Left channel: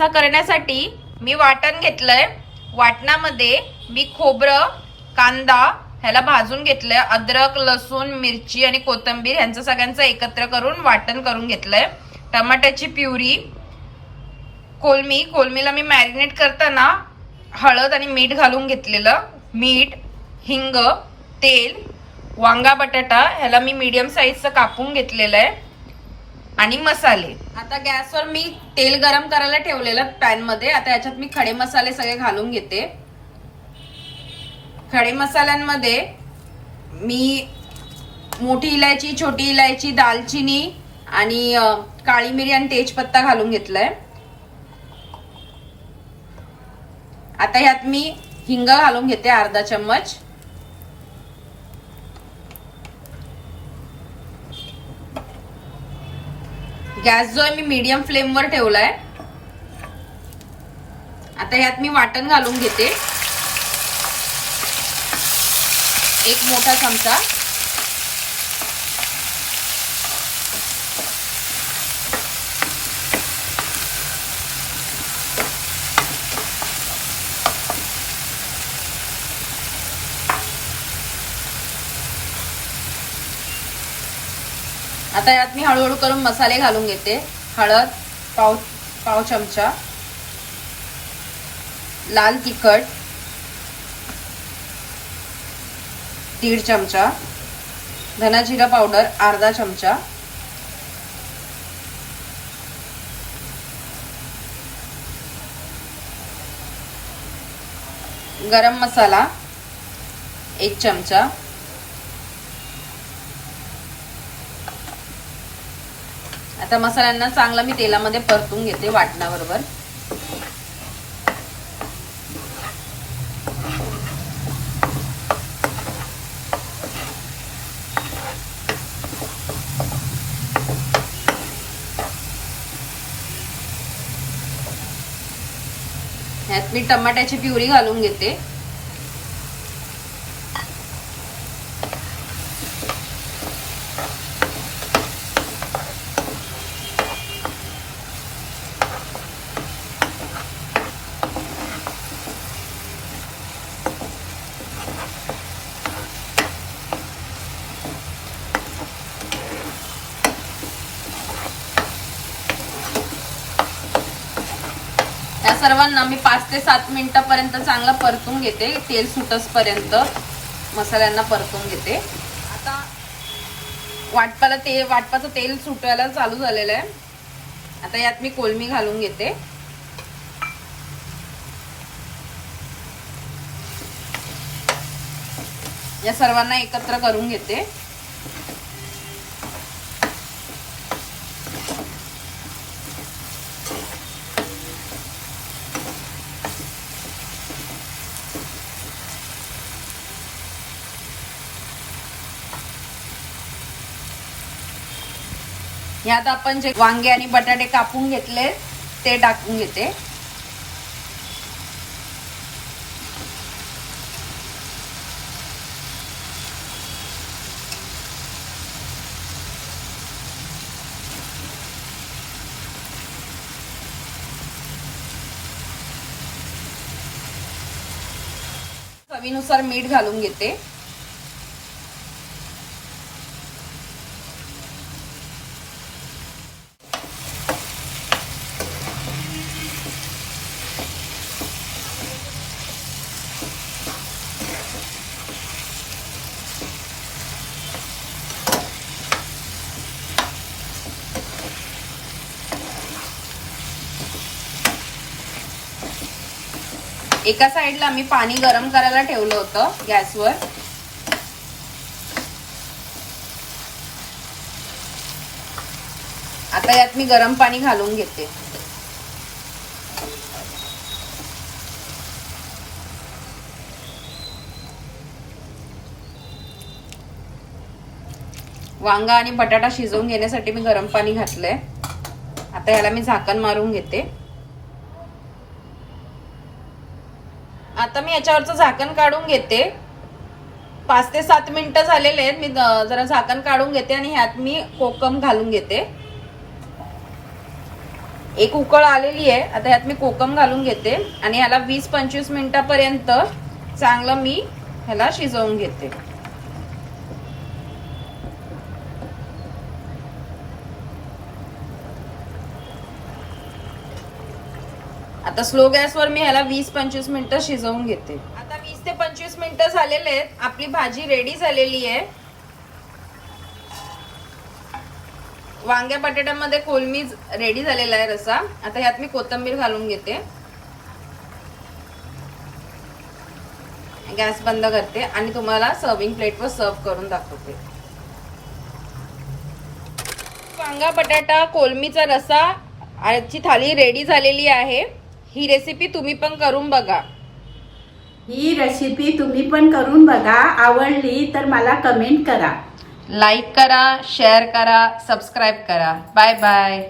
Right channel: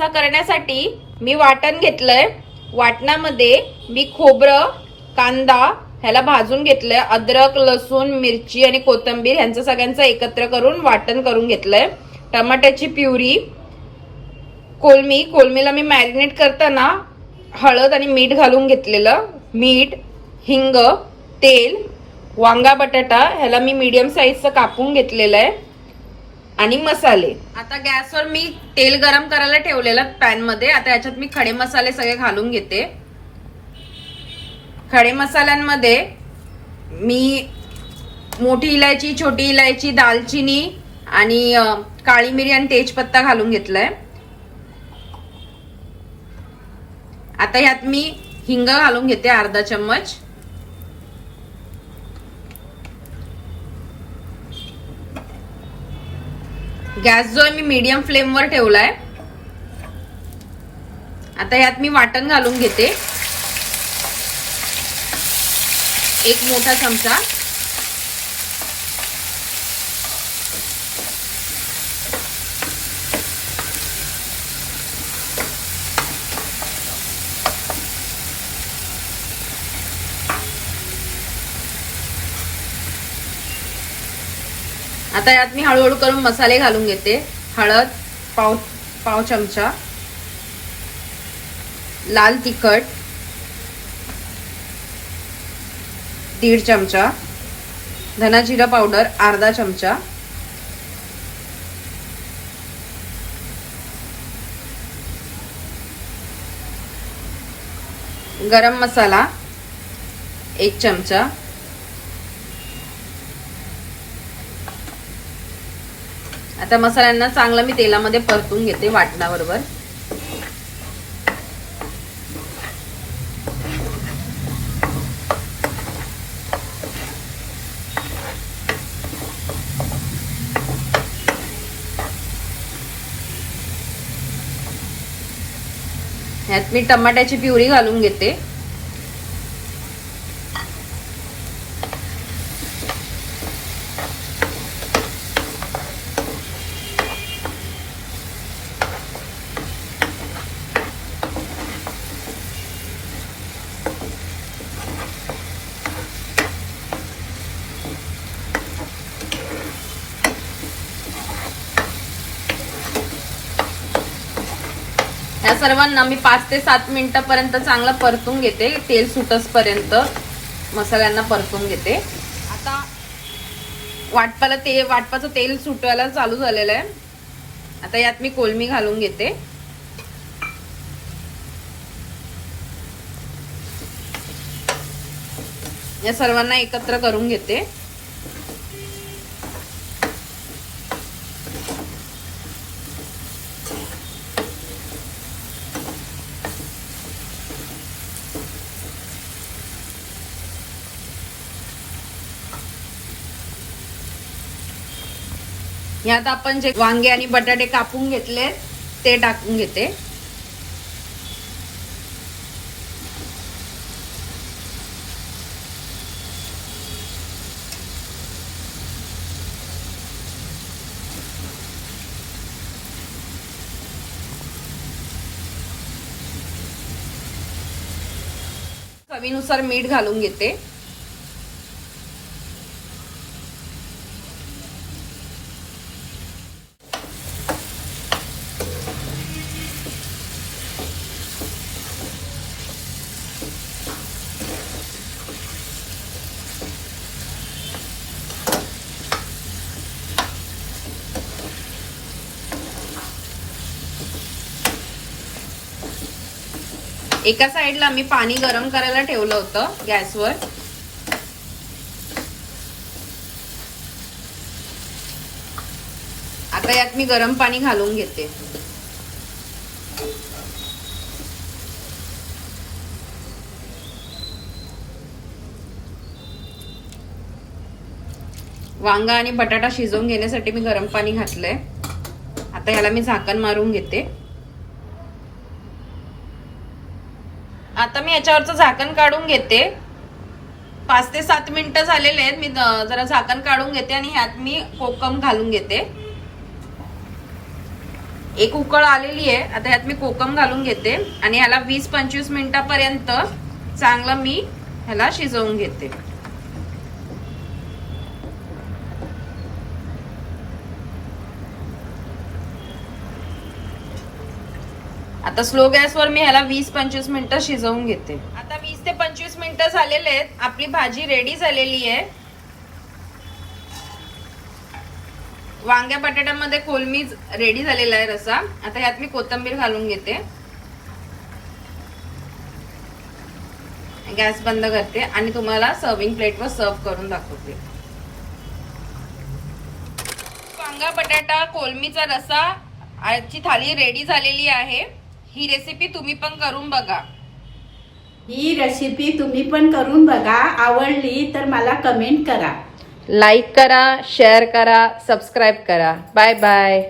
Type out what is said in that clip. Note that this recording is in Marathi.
वांग्या करण्यासाठी मी वाटण घेतलंय. वाटणामध्ये मी खोबरं कांदा ह्याला भाजून घेतलंय. अद्रक लसूण मिरची आणि कोथंबीर ह्यांचं सगळ्यांचं एकत्र करून वाटण करून घेतलंय. टमाट्याची प्युरी कोलमी. कोलमीला मी मॅरिनेट करताना हळद आणि मीठ घालून घेतलेलं. मीठ हिंग तेल वांगा बटाटा ह्याला मी मीडियम साईजचं कापून घेतलेलं आहे. आणि मसाले. आता गॅसवर मी तेल गरम करायला ठेवलेलं पॅनमध्ये आता याच्यात मी खडे मसाले सगळे घालून घेते. खडे मसाल्यांमध्ये मी मोठी इलायची छोटी इलायची दालचिनी आणि काळी मिरी आणि तेजपत्ता घालून घेतलाय. आता ह्यात मी हिंग घालून घेते अर्धा चम्मच. गॅस जो आहे मी मीडियम फ्लेमवर ठेवलाय आता ह्यात मी वाटण घालून घेते. एक मोठा चमचा. आता यात मी हळूहळू करून मसाले घालून घेते. हळद पाव पाव चमचा. लाल तिखट. दीड चमचा. धना जिरा पावडर अर्धा चमचा. गरम मसाला एक चमचा. त्या मसाल्यांना चांगलं मी तेलामध्ये परतून घेते वाटणाबरोबर. ह्यात मी टमाट्याची प्युरी घालून घेते. या सर्वांना मी पाच ते सात मिनिटापर्यंत चांगलं परतून घेते. तेल सुटसपर्यंत मसाल्यांना परतून घेते. आता वाटपाला ते वाटपाचं तेल सुटायला चालू झालेलं आहे. आता यात मी कोलमी घालून घेते. या सर्वांना एकत्र करून घेते. यात आपण जे वांगे आणि बटाटे कापून घेतले ते टाकून घेते. चवीनुसार मीठ घालून घेते. एका साईडला मी पाणी गरम करायला ठेवलं होतं गॅसवर. आता यात मी गरम पाणी घालून घेते. वांगा आणि बटाटा शिजवून घेण्यासाठी मी गरम पाणी घातलंय. आता याला मी झाकण मारून घेते. आता मी याच्यावरचं झाकण काढून घेते. पाच ते सात मिनटं झालेले आहेत. मी जरा झाकण काढून घेते आणि ह्यात मी कोकम घालून घेते. एक उकळ आलेली आहे. आता ह्यात मी कोकम घालून घेते. आणि ह्याला वीस पंचवीस मिनिटापर्यंत चांगलं मी ह्याला शिजवून घेते. आता स्लो गॅसवर मी ह्याला वीस पंचवीस मिनिटं शिजवून घेते. आता वीस ते पंचवीस मिनिटं झालेले आहेत. आपली भाजी रेडी झालेली आहे. वांग्या बटाट्यामध्ये कोलमी रेडी झालेला आहे रसा आता ह्यात मी कोथिंबीर घालून घेते. गॅस बंद करते आणि तुम्हाला सर्विंग प्लेटवर सर्व करून दाखवते. वांगा बटाटा कोलमीचा रसा आजची थाली रेडी झालेली आहे. ही रेसिपी तुम्ही पण करून बघा. ही रेसिपी तुम्ही पण करून बघा. आवडली तर मला कमेंट करा. लाईक करा शेअर करा सबस्क्राईब करा. Bye bye